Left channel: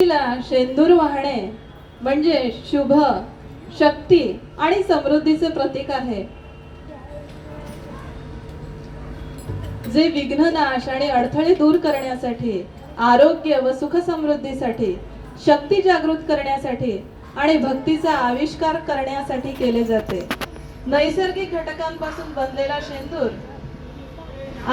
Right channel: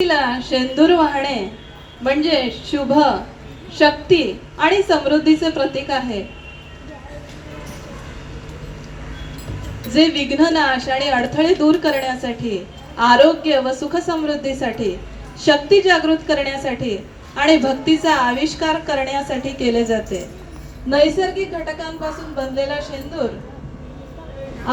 शेंदूर वाहणे म्हणजे शुभ, शक्ती आणि समृद्धीचे प्रतीक आहे, जे विघ्ननाश आणि अडथळे दूर करण्यासाठी, आरोग्य व सुख समृद्धीसाठी, शक्ती जागृत करण्यासाठी आणि भक्तीचा आविष्कार करण्यासाठी केले जाते. नैसर्गिक घटकांपासून बनलेला शेंदूर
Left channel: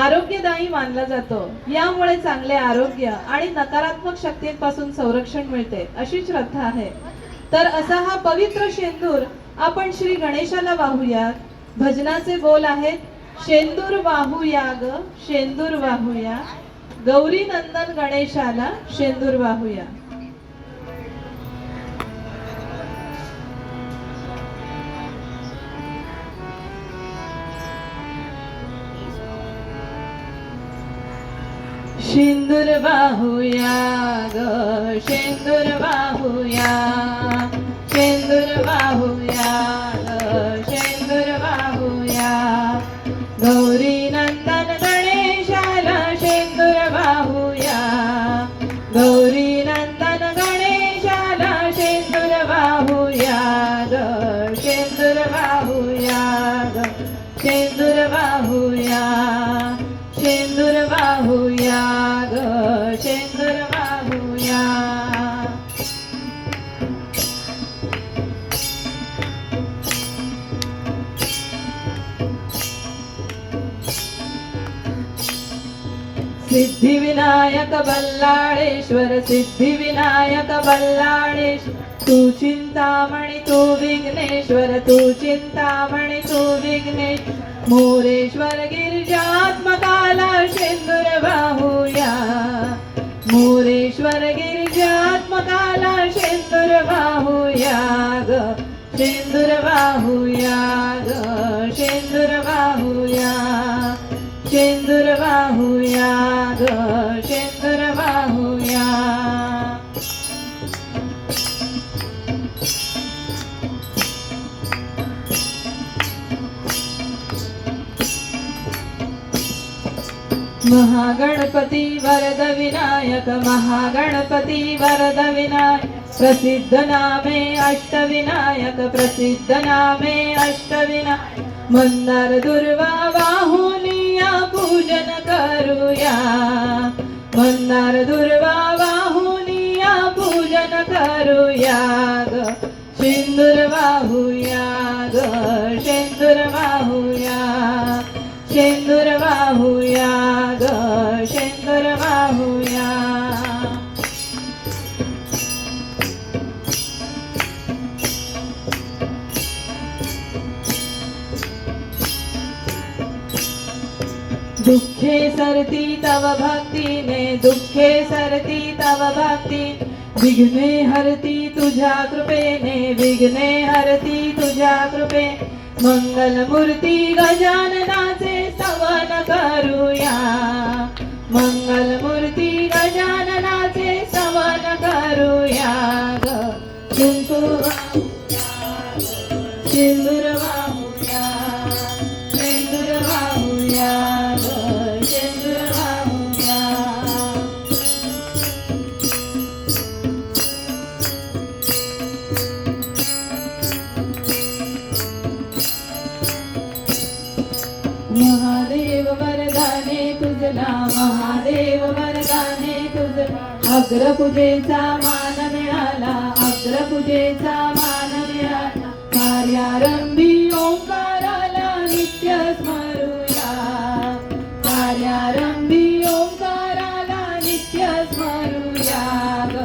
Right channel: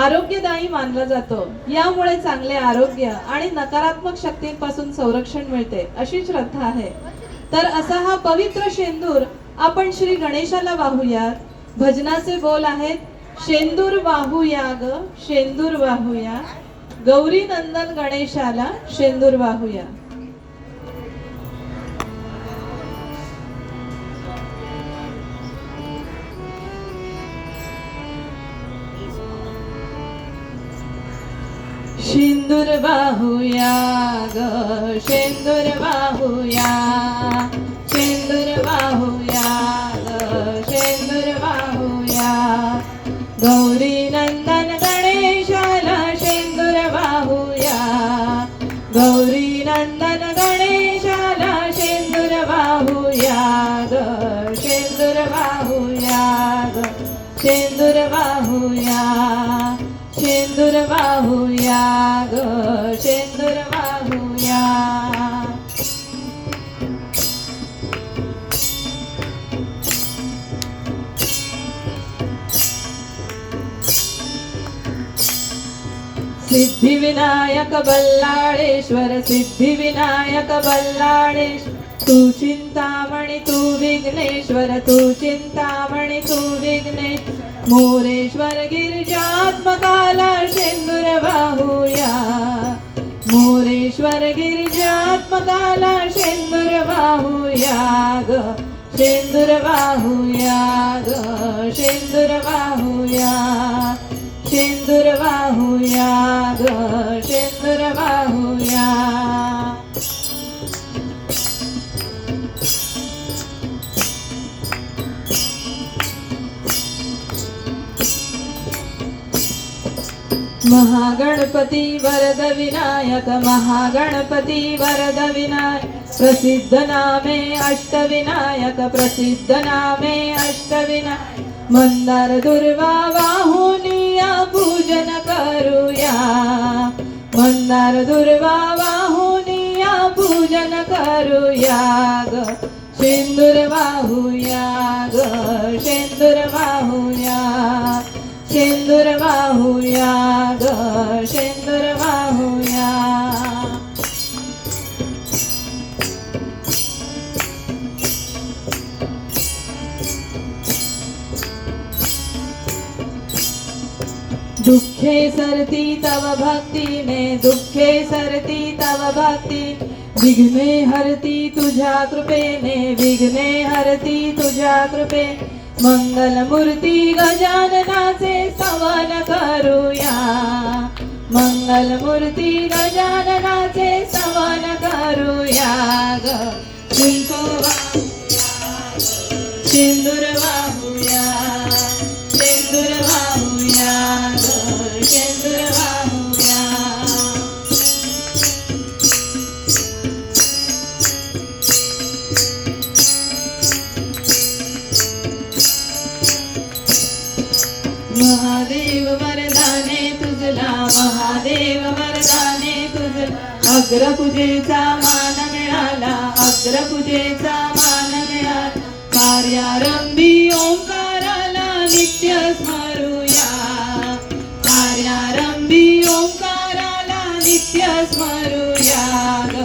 आरोग्यदायी मानला जातो. यामुळे चांगले आरोग्य आणि नकारात्मक शक्तींपासून संरक्षण मिळते अशी श्रद्धा आहे. तर असा हा पवित्र शेंदूर आपण श्री गणेशाला वाहूया. भजनाचे बोल आहेत, शेंदूर वाहूया ग शेंदूर वाहूया, गौरी नंदन गणेशाला शेंदूर वाहूया. शेंदूर वाहूया ग शेंदूर वाहूया, शेंदूर वाहूया ग शेंदूर वाहूया, गौरी नंदन गणेशाला शेंदूर वाहूया, गौरी नंदन गणेशाला शेंदूर वाहूया ग शेंदूर वाहूया ग शेंदूर वाहूया, शेंदूर वाहूया ग शेंदूर वाहूया. सिद्धिविनायक बल्लाळेश्वर, सिद्धिविनायक बल्लाळेश्वर, तू चिंतामणी तू विघ्नेश्वर, तू चिंतामणी तू विघ्नेश्वर, मोरेश्वर गिरिजात्मकाला शेंदूर वाहूया, मोरेश्वर गिरिजात्मकाला शेंदूर वाहूया ग शेंदूर वाहूया ग शेंदूर वाहूया, शेंदूर वाहूया ग शेंदूर वाहूया. महागणपती वरद विनायक, महागणपती वरद विनायक, प्रसिद्ध नामे अष्टविनायक, प्रसिद्ध नामे अष्टविनायक, मंदार दुर्वा वाहुनिया पूजन करूया, मंदार दुर्वा वाहुनिया पूजन करूया ग शेंदूर वाहूया ग शेंदूर वाहूया, शेंदूर वाहूया ग शेंदूर वाहूया. दुःखे सरती तव भक्तीने, दुःखे सरती तव भक्ती, विघ्ने हरती तुझ्या कृपेने, विघ्ने हरती तुझ्या कृपे, मंगलमूर्ती गजाननाचे स्तवन करूया, मंगलमूर्ती गजाननाचे स्तवन करूया ग शेंदूर वाहूया, शेंदूर वाहूया ग शेंदूर वाहूया. महादेव वरदाने तुझला, महादेव वरदाने तुझला, अग्रपूजेचा मान मिळाला, अग्रपूजेचा मान मिळाला, कार्यारंभी ओंकाराला नित्य स्मरूया, कार्यारंभी ओंकाराला नित्य स्मरूया ग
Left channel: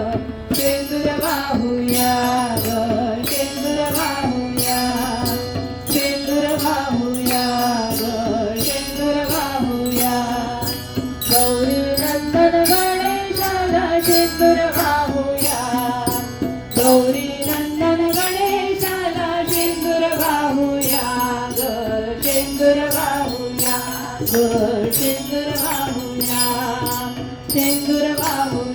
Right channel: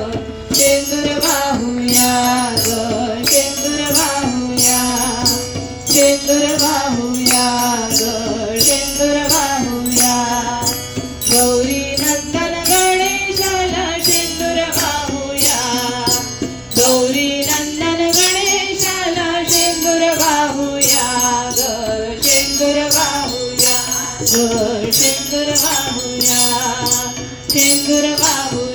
शेंदूर वाहूया ग शेंदूर वाहूया, शेंदूर वाहूया ग शेंदूर वाहूया, गौरी नंदन गणेशाला शेंदूर वाहूया, गौरी नंदन गणेशाला शेंदूर वाहूया ग शेंदूर वाहूया ग शेंदूर वाहूया, शेंदूर वाहूया.